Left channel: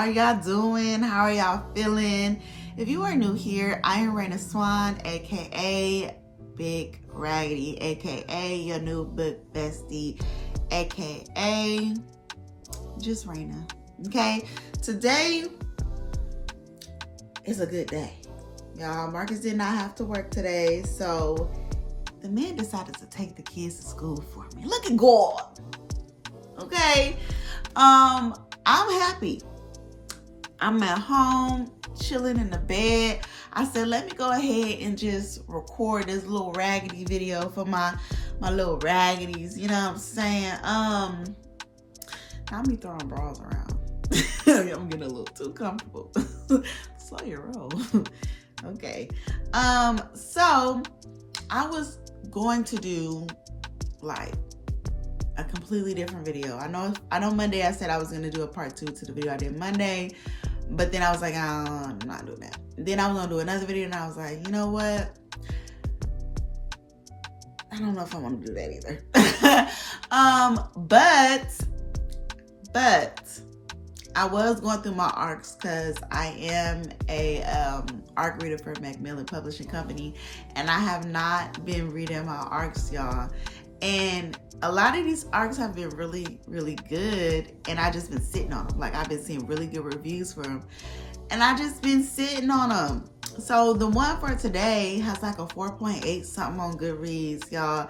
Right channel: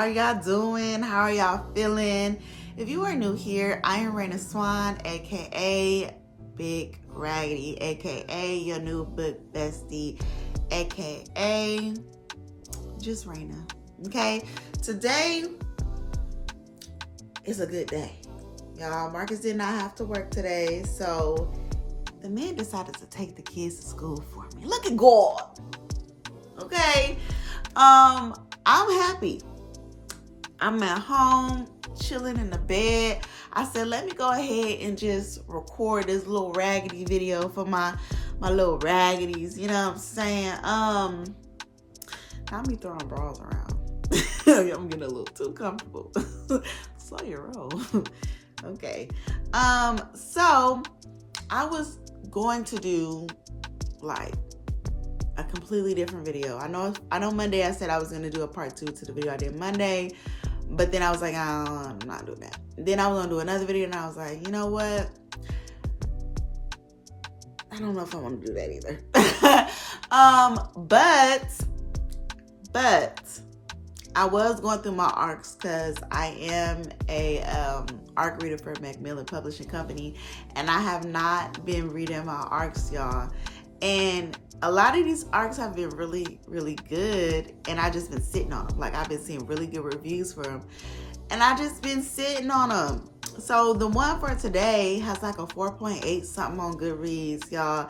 are y'all doing? How are y'all feeling? If you are new here, I am Raina Swan, aka Big Raggedy, aka your new book bestie, aka just Raina. Okay, today is a good day, y'all. Marcus did not have to work today, so the man decided to take the kids to school for me. Look at God. Okay, I'm happy. I'm at home, chilling in the bed. I said, let me go ahead and just record this little raggedy video for my little raggities. You know what I'm saying? Not me throwing bras around. I'm getting a little too comfortable. Slow your roll. Okay. So I was going to do like a completely different video. I know Monday I said I was gonna do a part 2 to the video I did Monday, but then I was like, I'm not doing that. Then I was gonna do another video and I was like, you know what? I don't know if I want to do that either. But I was going through my ARCs because I am a ARC reader for Macmillan Publishing Company, and I have not been reading my ARCs, y'all. And a lot of these ARCs have been really, really good, and I just been sitting on them. Like, I've been seeing really good reviews for them, and I just been sitting on them. So the one for today has like a 4.8 something on Goodreads, y'all.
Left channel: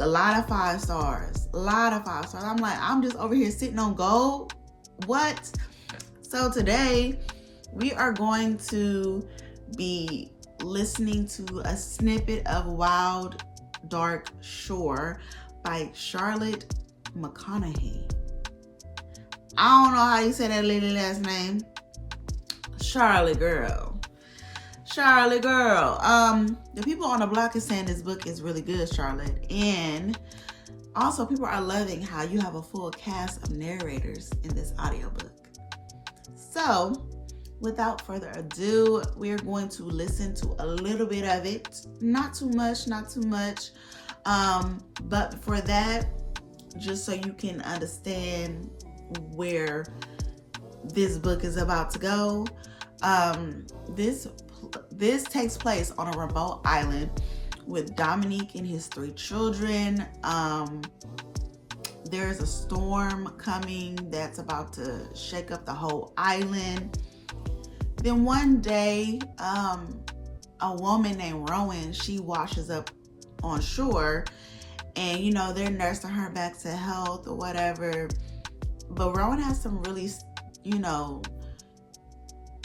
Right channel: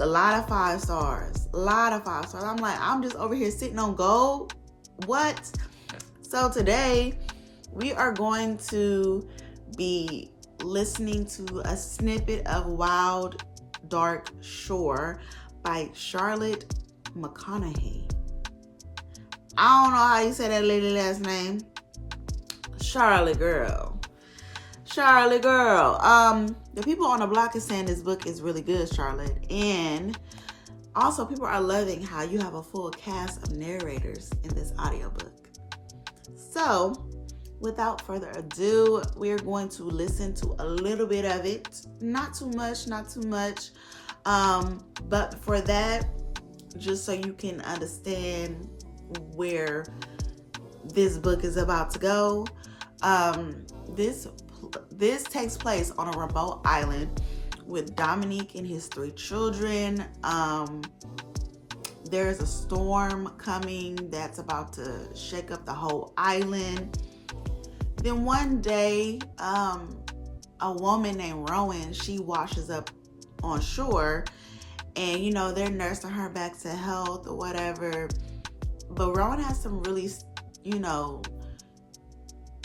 A lot of 5 stars. A lot of 5 stars. I'm like, I'm just over here sitting on gold. What? So today we are going to be listening to a snippet of Wild Dark Shore by Charlotte McConaghy. I don't know how you say that lady last name. Charlotte girl. The people on the block is saying this book is really good, Charlotte. And also people are loving how you have a full cast of narrators in this audiobook. So without further ado, we're going to listen to a little bit of it. Not too much. But for that, just so you can understand where this book is about to go, this takes place on a remote island with Dominique and his 3 children. There's a storm coming that's about to shake up the whole island. Then one day, a woman named Rowan, she washes up on shore, and you know, they're nursing her back to health or whatever. But Rowan has some really, you know,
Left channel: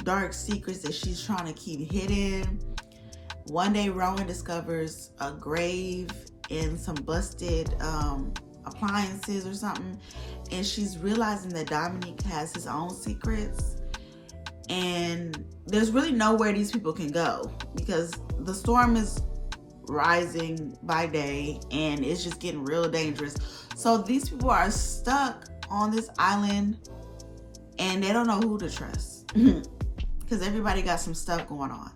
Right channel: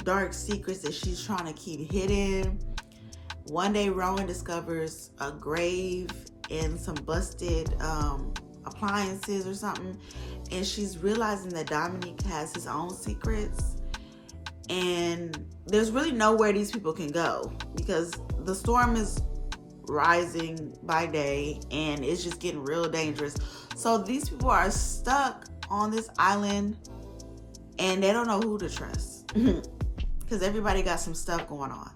dark secrets that she's trying to keep hidden. One day Rowan discovers a grave and some busted appliances or something, and she's realizing that Dominique has his own secrets, and there's really nowhere these people can go because the storm is rising by day and it's just getting real dangerous. So these people are stuck on this island and they don't know who to trust because everybody got some stuff going on.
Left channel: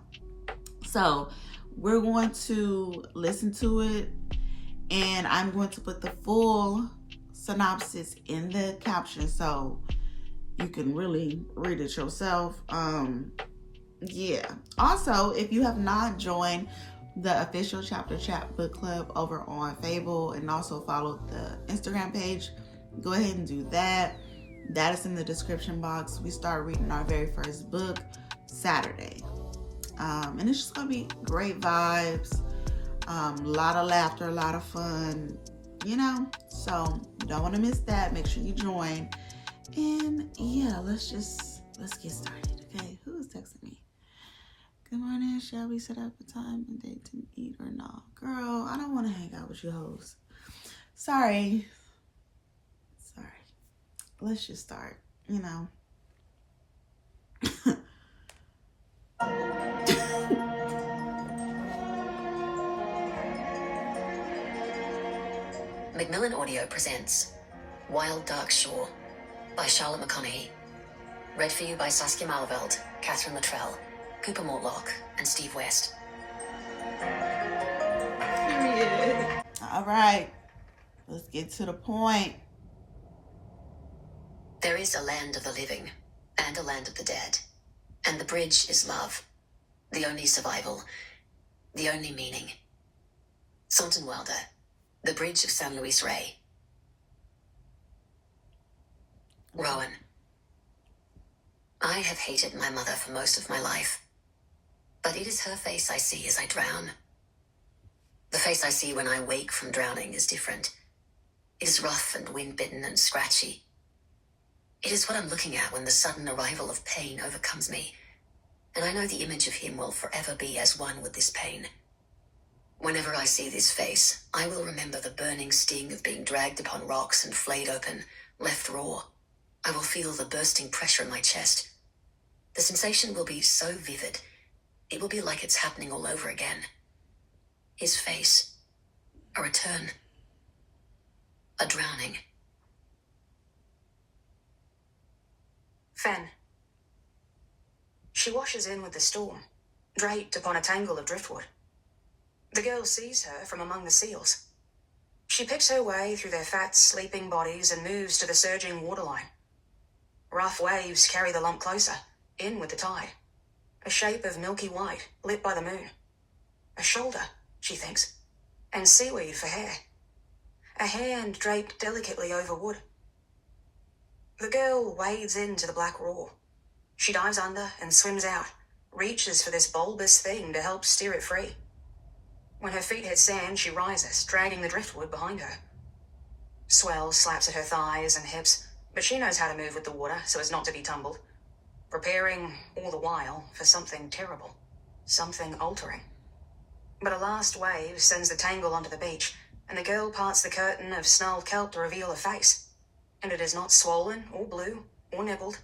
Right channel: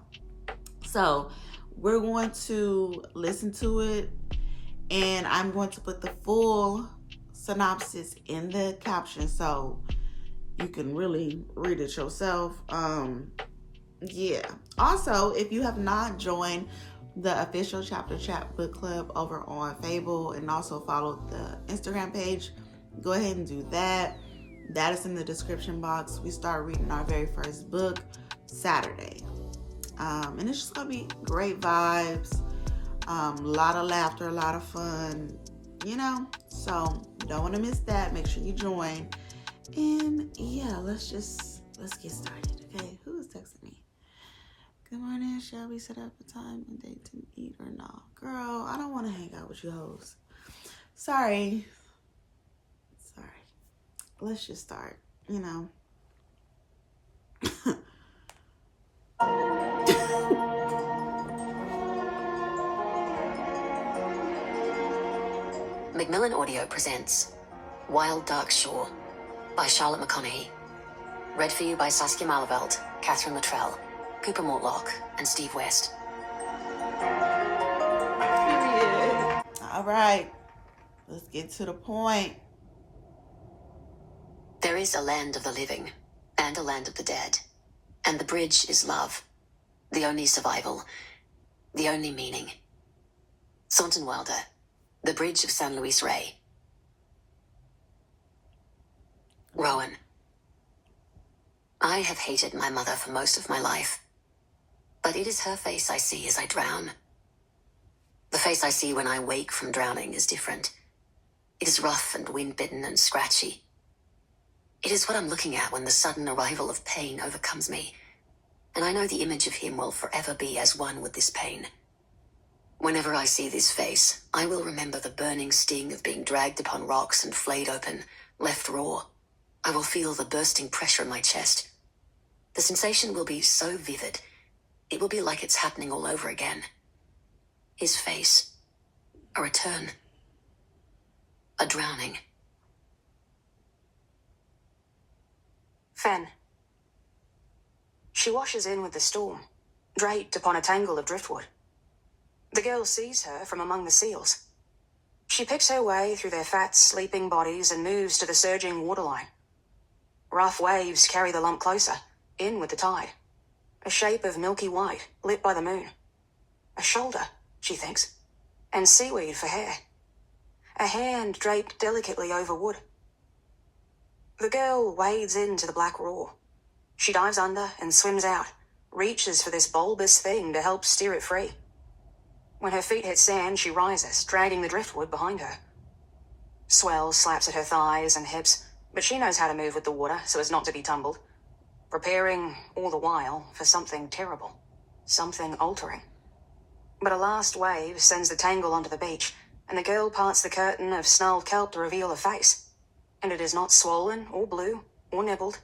So we're going to listen to it, and I'm going to put the full synopsis in the caption so you can really read it yourself. Yeah. Also, if you have not joined the official Chapter Chat book club over on Fable and also follow the Instagram page, go ahead and do that. That is in the description box. We start reading our very first book Saturday. And it's just gonna be great vibes, a lot of laughter, a lot of fun, you know. So you don't want to miss that. Make sure you join. And yeah, let's get started. Okay, who is texting me? Good morning. Shall we set up a time and date to eat or no? Girl, I don't want to hang out with you hoes. Sorry. Let's just start, you know. Macmillan Audio presents Wild Dark Shore by Charlotte McConaghy. Read for you by Saskia Malaveld, Catherine Luttrell, Cooper Mortlock, and Steve West. All right, let's get to the point. There is a land of the living, and a land of the dead. And the bridge is love, the only survival, the only meaning. Thornton Wilder, The Bridge of San Luis Rey. Rowan. I have hated my mother for most of my life, but it is her face I see as I drown. The face I see when I wake from drowning is different. It is rough and wind-bitten and scratchy. It is what I'm looking at when the sudden arrival of pain overcomes me, and I know the image of him will forever be as one with this pain. Whenever I see this face, I will remember the burning sting of being dragged upon rocks and flayed open, left raw. I will feel the bursting pressure in my chest. The sensation will be so vivid, it will be like it's happening all over again. His face, a return, a drowning. Fen. She washes in with the storm, draped upon a tangle of driftwood. The girl sees her from among the seals. She picks her way through their fat, sleeping bodies and moves to the surging waterline. Rough waves carry the lump closer, in with the tide. A shape of milky white, lit by the moon. A shoulder, she thinks, and seaweed for hair. A hand draped delicately over wood. The girl wades into the black roar. She dives under and swims out, reaches for this bulbous thing to help steer it free. When her feet hit sand, she rises, dragging the driftwood behind her. Swell slaps at her thighs and hips, but she knows how to move with the water so as not to be tumbled, preparing, all the while, for something terrible, something altering. But a last wave sends the tangle onto the beach, and the girl parts the curtain of snarled kelp to reveal a face. And it is not swollen, or blue, or nibbled.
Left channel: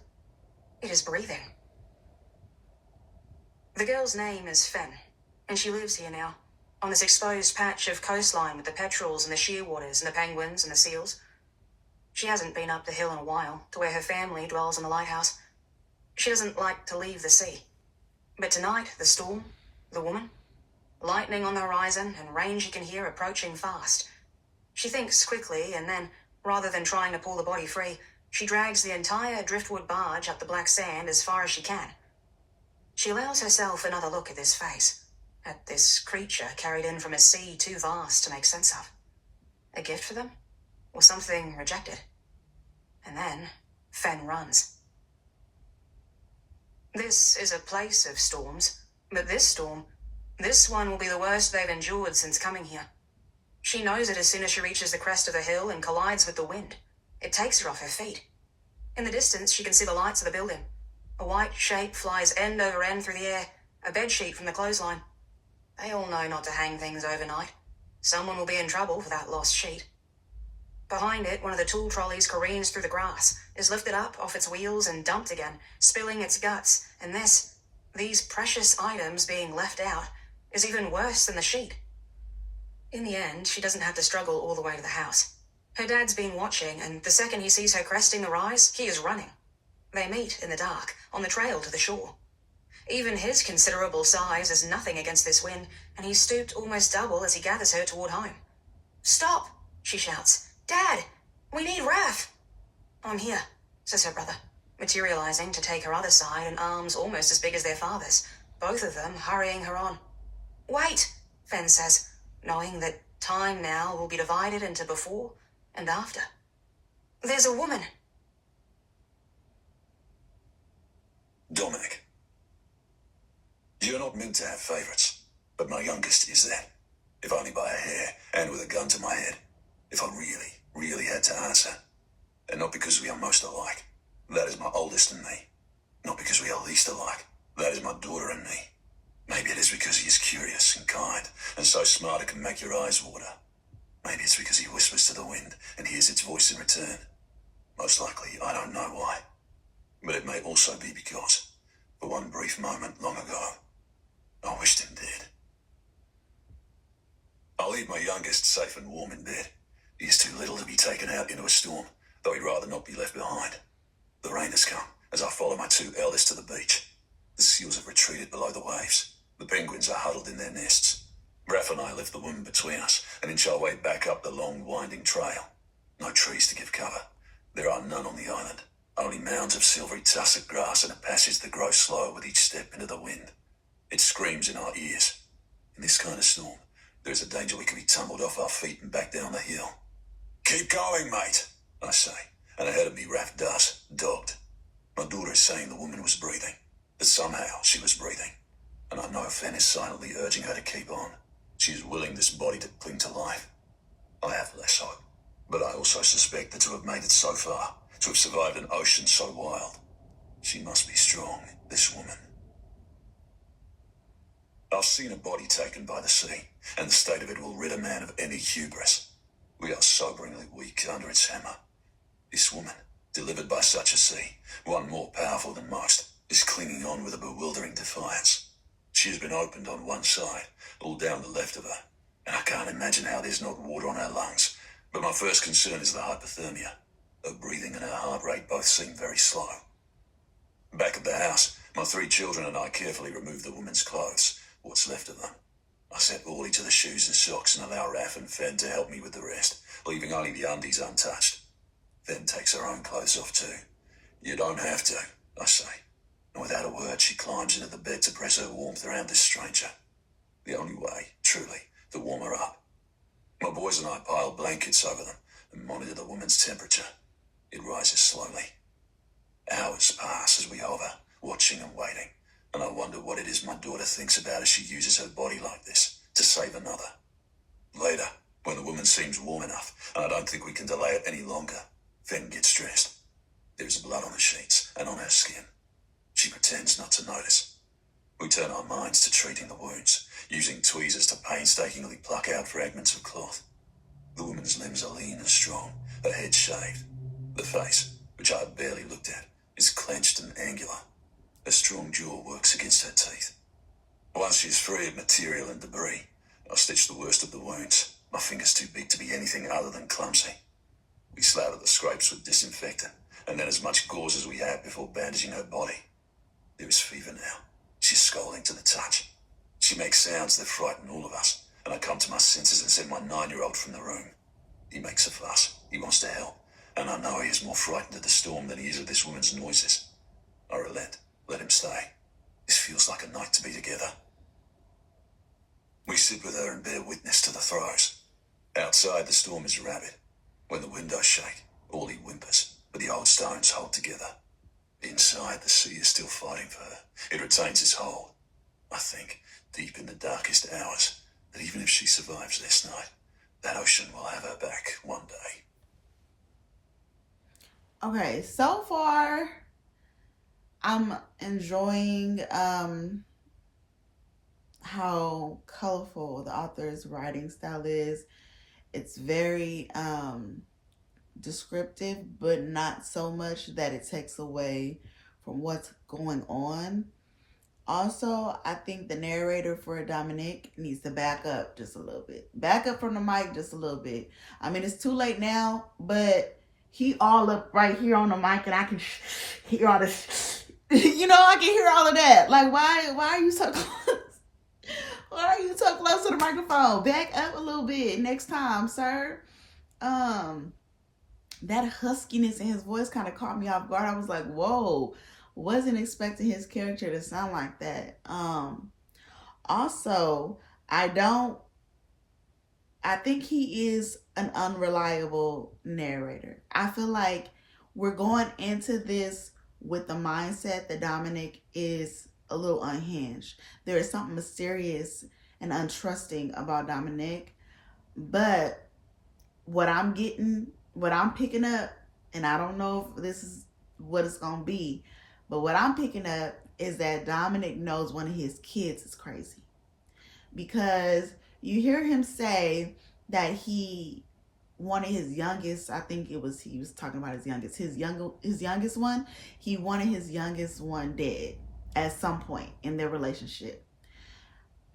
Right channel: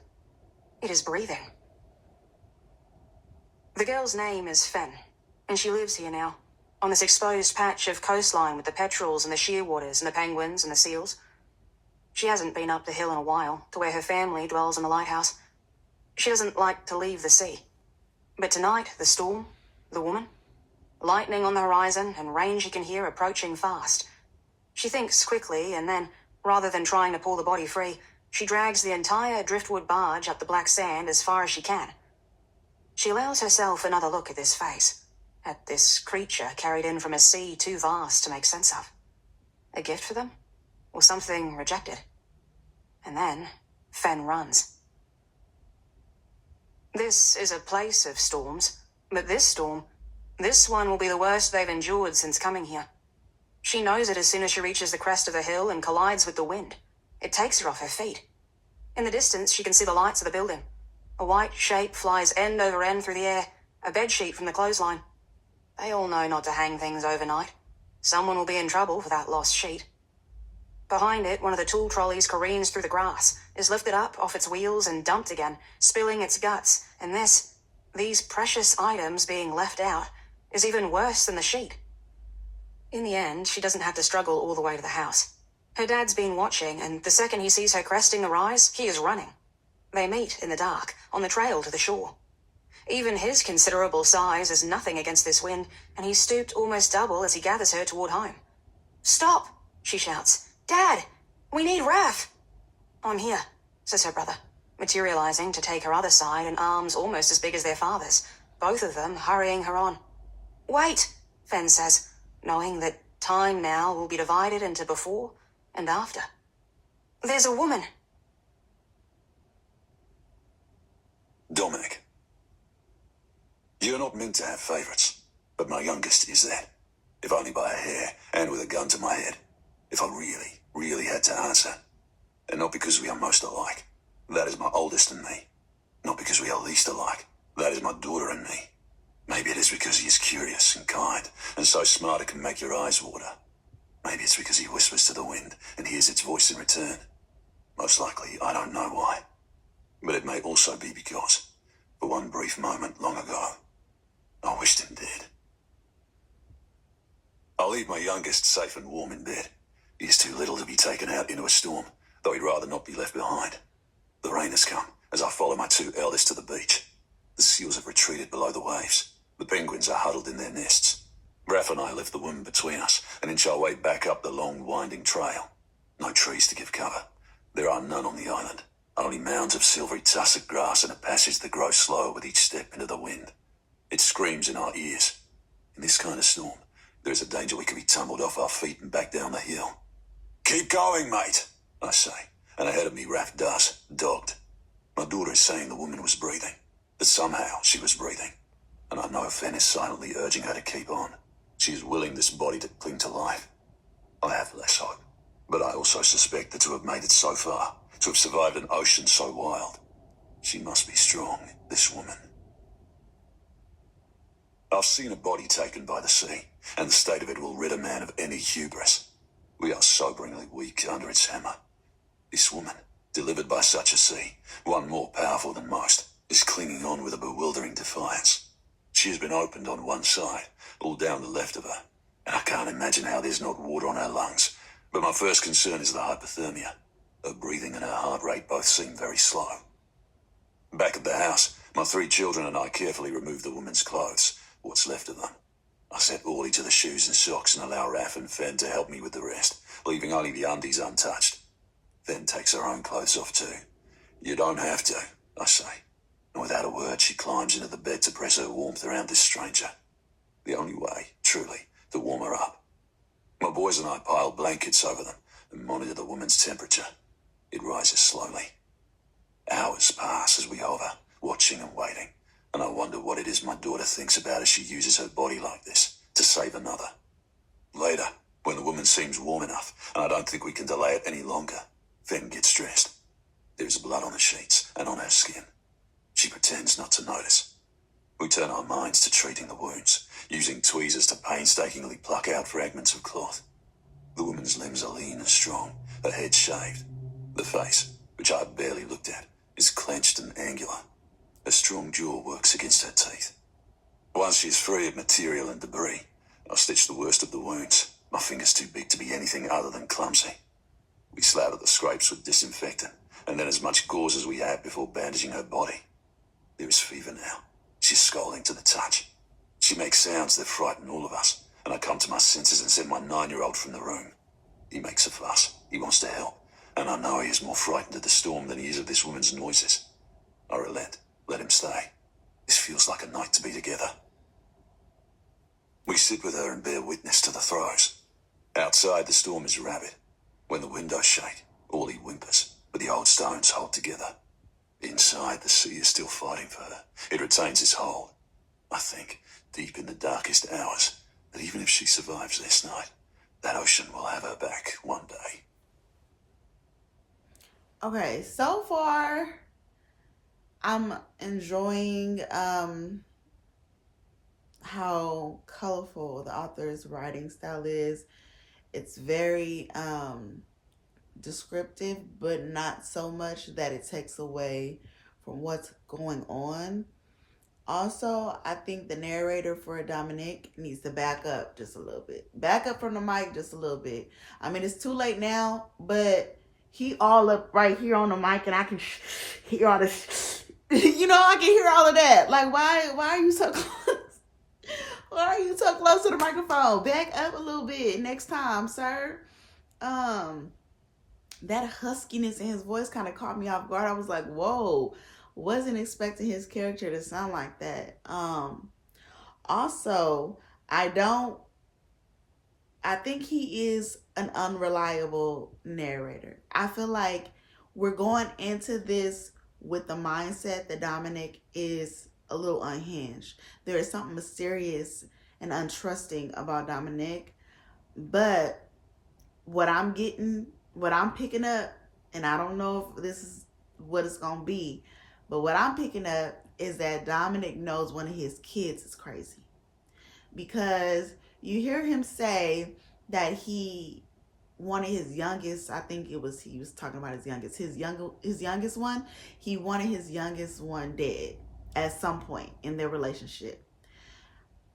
It is breathing. The girl's name is Fen, and she lives here now, on this exposed patch of coastline with the petrels and the shearwaters and the penguins and the seals. She hasn't been up the hill in a while, to where her family dwells in the lighthouse. She doesn't like to leave the sea. But tonight, the storm, the woman, lightning on the horizon and rain she can hear approaching fast. She thinks quickly, and then, rather than trying to pull the body free, she drags the entire driftwood barge up the black sand as far as she can. She allows herself another look at this face, at this creature carried in from a sea too vast to make sense of. A gift for them? Or something rejected? And then, Fen runs. This is a place of storms, but this storm, this one will be the worst they've endured since coming here. She knows it as soon as she reaches the crest of the hill and collides with the wind. It takes her off her feet. In the distance, she can see the lights of the building. A white shape flies end over end through the air, a bedsheet from the clothesline. They all know not to hang things overnight. Someone will be in trouble for that lost sheet. Behind it, one of the tool trolleys careens through the grass, is lifted up off its wheels and dumped again, spilling its guts, and these precious items being left out, is even worse than the sheet. In the end, she doesn't have to struggle all the way to the house. Her dad's been watching, and the second he sees her cresting the rise, he is running. They meet in the dark, on the trail to the shore. Even his considerable size is nothing against this wind, and he's stooped almost double as he gathers her toward home. "Stop!" she shouts. "Dad! We need Raph!" "I'm here," says her brother, materializing to take her other side in arms almost as big as their father's, both of them hurrying her on. "Wait," Fen says, knowing that time now will be divided into before and after. "There's a woman." Dominic. You're not meant to have favourites, but my youngest is that. If only by a hair, and with a gun to my head. If I really, really had to answer. And not because we are most alike. That is my oldest and me. Not because we are least alike. That is my daughter and me. Maybe it is because he is curious and kind, and so smart it can make your eyes water. Maybe it's because he whispers to the wind and hears its voice in return. Most likely, I don't know why. But it may also be because, for one brief moment long ago, I wished him dead. I'll leave my youngest safe and warm in bed. He is too little to be taken out into a storm, though he'd rather not be left behind. The rain has come as I follow my two eldest to the beach. The seals have retreated below the waves. The penguins are huddled in their nests. Raph and I left the woman between us and inch our way back up the long, winding trail. No trees to give cover. There are none on the island. Only mounds of silvery tussock grass and a passage that grows slower with each step into the wind. It screams in our ears. In this kind of storm, there's a danger we could be tumbled off our feet and back down the hill. Keep going, mate, I say, and ahead of me Raph does, dogged. My daughter is saying the woman was breathing, that somehow she was breathing, and I know Fen is silently urging her to keep on. She is willing this body to cling to life. I have less hope, but I also suspect that to have made it so far, to have survived an ocean so wild, she must be strong, this woman. I've seen a body taken by the sea, and the state of it will rid a man of any hubris. We are soberingly weak under its hammer. This woman, delivered by such a sea, one more powerful than most, is clinging on with a bewildering defiance. She has been opened on one side, all down the left of her, and I can't imagine how there's not water on her lungs. But my first concern is the hypothermia. Her breathing and her heart rate both seem very slow. Back at the house, my 3 children and I carefully remove the woman's clothes, what's left of them. I set Orly to the shoes and socks and allow Raph and Fen to help me with the rest, leaving only the undies untouched. Fen takes her own clothes off too. You don't have to, I say. And without a word, she climbs into the bed to press her warmth around this stranger. The only way, truly, to warm her up. My boys and I pile blankets over them and monitor the woman's temperature. It rises slowly. Hours pass as we hover, watching and waiting, and I wonder what it is my daughter thinks about as she uses her body like this to save another. Later, when the woman seems warm enough, and I don't think we can delay it any longer, Fen gets dressed. There is blood on the sheets and on her skin. She pretends not to notice. We turn our minds to treating the wounds, using tweezers to painstakingly pluck out fragments of cloth. The woman's limbs are lean and strong, her head shaved. The face, which I have barely looked at, is clenched and angular. A strong jaw works against her teeth. Once she is free of material and debris, I stitch the worst of the wounds, my fingers too big to be anything other than clumsy. We slather the scrapes with disinfectant, and then as much gauze as we have before bandaging her body. There is fever now. She's scalding to the touch. She makes sounds that frighten all of us, and I come to my senses and send my 9-year-old from the room. He makes a fuss. He wants to help, and I know he is more frightened of the storm than he is of this woman's noises. I relent. Let him stay. This feels like a night to be together. We sit with her and bear witness to the throes. Outside, the storm is rabid. When the windows shake, Orly whimpers, but the old stones hold together. Inside, the sea is still fighting for her. It retains its hold. I think, deep in the darkest hours, that even if she survives this night, that ocean will have her back one day. Okay, so far, I'm enjoying how colorful the author's writing style is. It's very descriptive, but not so much that it takes away from what's going on. Also, I think the narrator for Dominic needs to back up just a little bit. Back up from the mic just a little bit. I mean, it's too late now, but he all up right here on the mic, and I can hear all this. I can hear all of that. Like, why are you so close? Why are you so close to the microphone? Back up a little bit next time, sir. That huskiness in his voice kind of caught me off guard. I was like, whoa, wasn't expecting his character to sound like that. Also, I think he is an unreliable narrator. I feel like we're going into this with the mindset that Dominic is a little unhinged. There is something mysterious and untrusting about Dominic, but what I'm picking up, and I don't know if this is what it's going to be, but what I'm picking up is that Dominic knows one of his kids is crazy. Because you hear him say that he wanted his youngest, I think he was talking about his youngest one, he wanted his youngest one dead at some point in their relationship.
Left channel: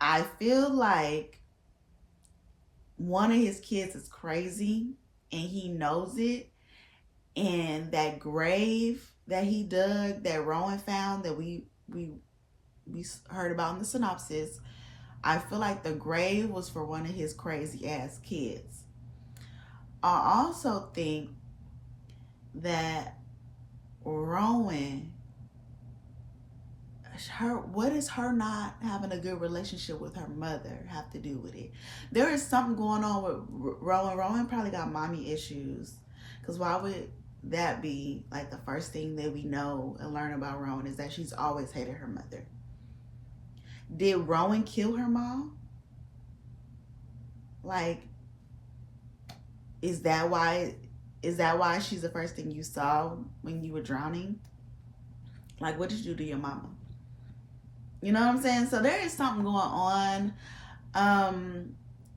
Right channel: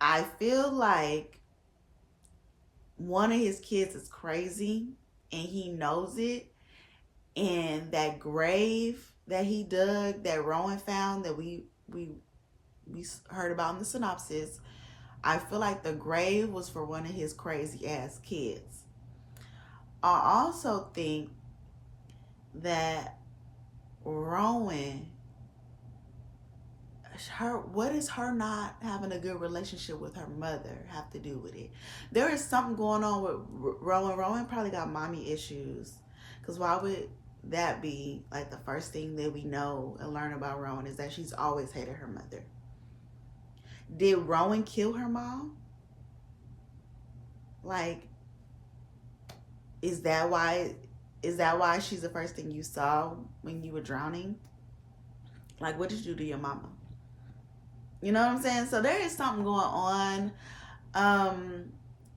I feel like one of his kids is crazy and he knows it, and that grave that he dug, that Rowan found, that we heard about in the synopsis, I feel like the grave was for one of his crazy ass kids. I also think that Rowan, what does her not having a good relationship with her mother have to do with it? There is something going on with Rowan. Rowan probably got mommy issues. Because why would that be like the first thing that we know and learn about Rowan is that she's always hated her mother? Did Rowan kill her mom? Like, is that why she's the first thing you saw when you were drowning? Like, what did you do to your mama? You know what I'm saying? So there is something going on.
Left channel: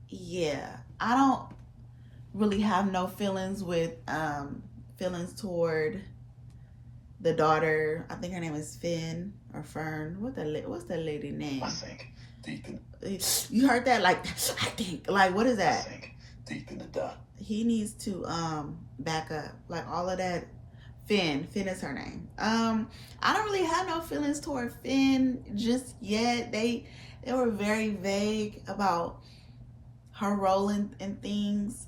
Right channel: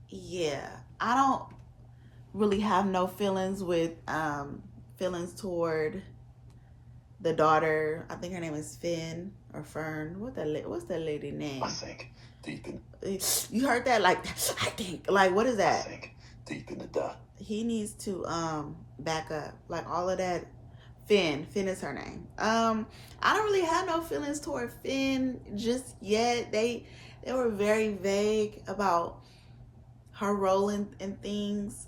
Yeah, I don't really have no feelings toward the daughter. I think her name is Finn or Fern. What's that lady name? I think deep in. You heard that? Like, I think. Like, what is that? I think deep in the dark. He needs to back up. Like, all of that. Finn is her name. I don't really have no feelings toward Finn just yet. They were very vague about her role in things.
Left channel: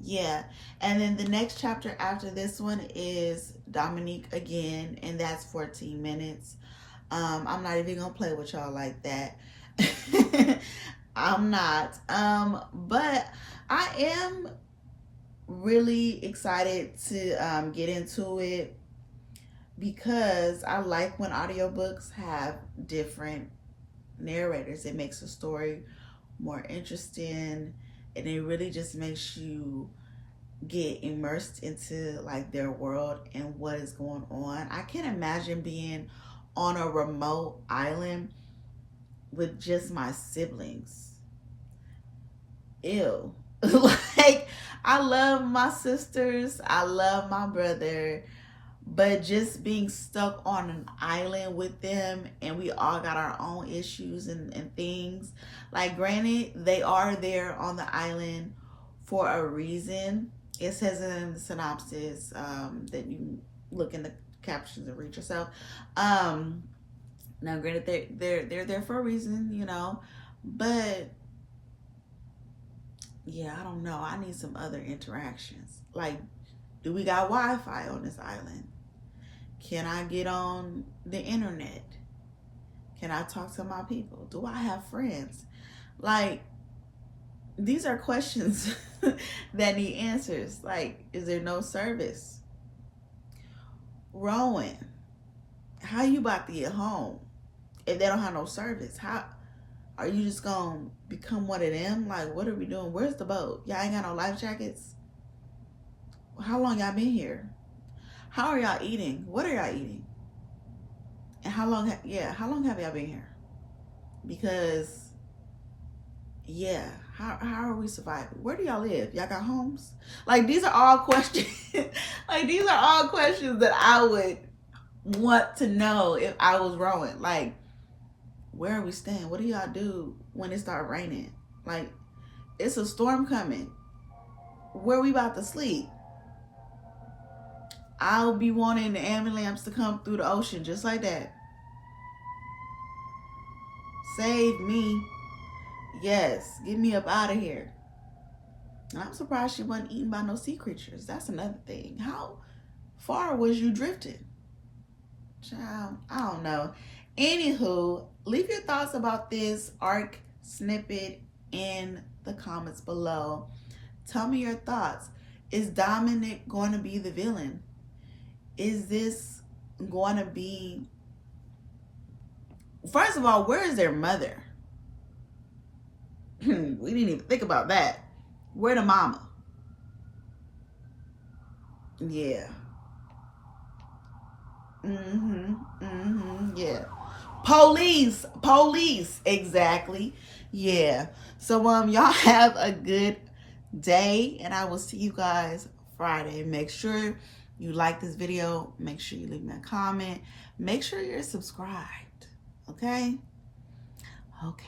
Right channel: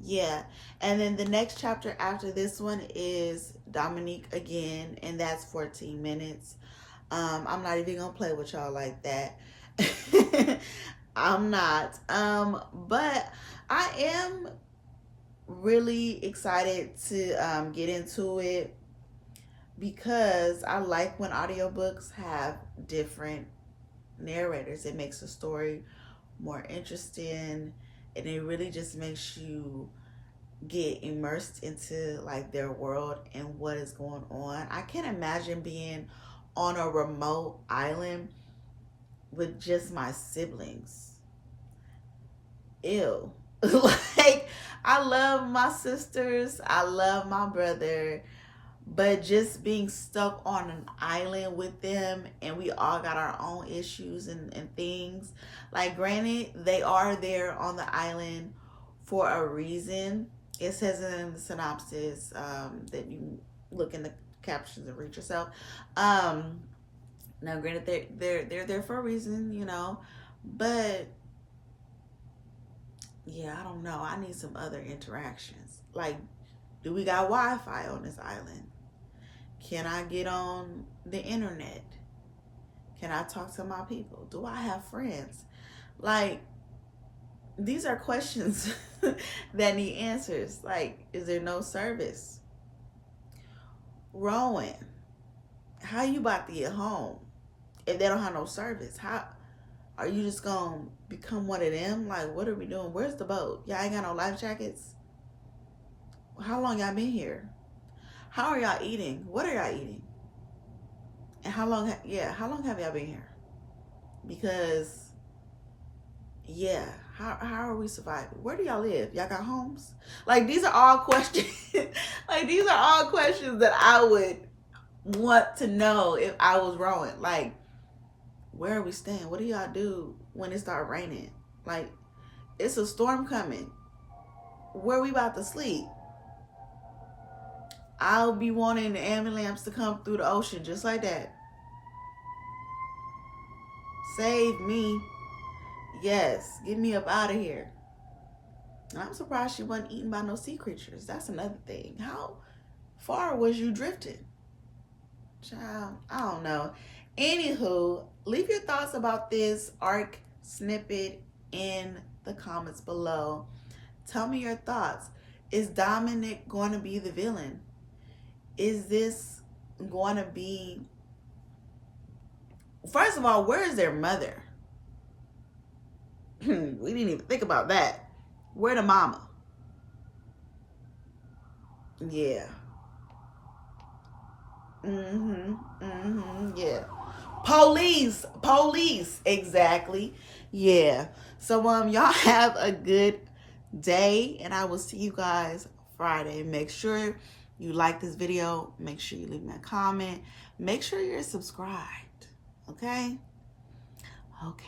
Yeah. And then the next chapter after this one is Dominique again, and that's 14 minutes. I'm not even gonna play with y'all like that. I'm not. But I am really excited to get into it because I like when audiobooks have different narrators. It makes the story more interesting, and it really just makes you get immersed into like their world and what is going on. I can't imagine being on a remote island with just my siblings. Ew. Like, I love my sisters, I love my brother, but just being stuck on an island with them, and we all got our own issues and things. Like, granted, they are there on the island for a reason. It says in the synopsis that you look in the captions and read yourself. Now, granted, they're there for a reason, you know, but yeah, I don't know. I need some other interactions. Like, do we got Wi-Fi on this island? Can I get on the internet? Can I talk to my people? Do I have friends? Like, these are questions that need answers. Like, is there no service? Rowan, how you about to get home if they don't have no service? How are you just gonna become one of them? Like, what are we doing? Where's the boat? Y'all ain't got no life jackets? How long y'all been here? How are y'all eating? What are y'all eating? And how long have y'all been here? Because, yeah, how are we surviving? Where do y'all live? Y'all got homes? Like, these are all questions. Like, these are all questions that I would want to know if I was Rowan. Like, where are we staying? What do y'all do when it start raining? Like, it's a storm coming. Where we about to sleep? I'll be wanting the ambulance to come through the ocean just like that. Save me. Yes, get me up out of here. And I'm surprised she wasn't eaten by no sea creatures. That's another thing. How far was you drifting? Child, I don't know. Anywho, leave your thoughts about this arc snippet in the comments below. Tell me your thoughts. Is Dominic going to be the villain? Is this going to be... First of all, where is their mother? We didn't even think about that. Where the mama? Yeah. Yeah. Police, exactly. Yeah. So y'all have a good day, and I will see you guys Friday. Make sure you like this video. Make sure you leave me a comment. Make sure you're subscribed. Okay? Okay.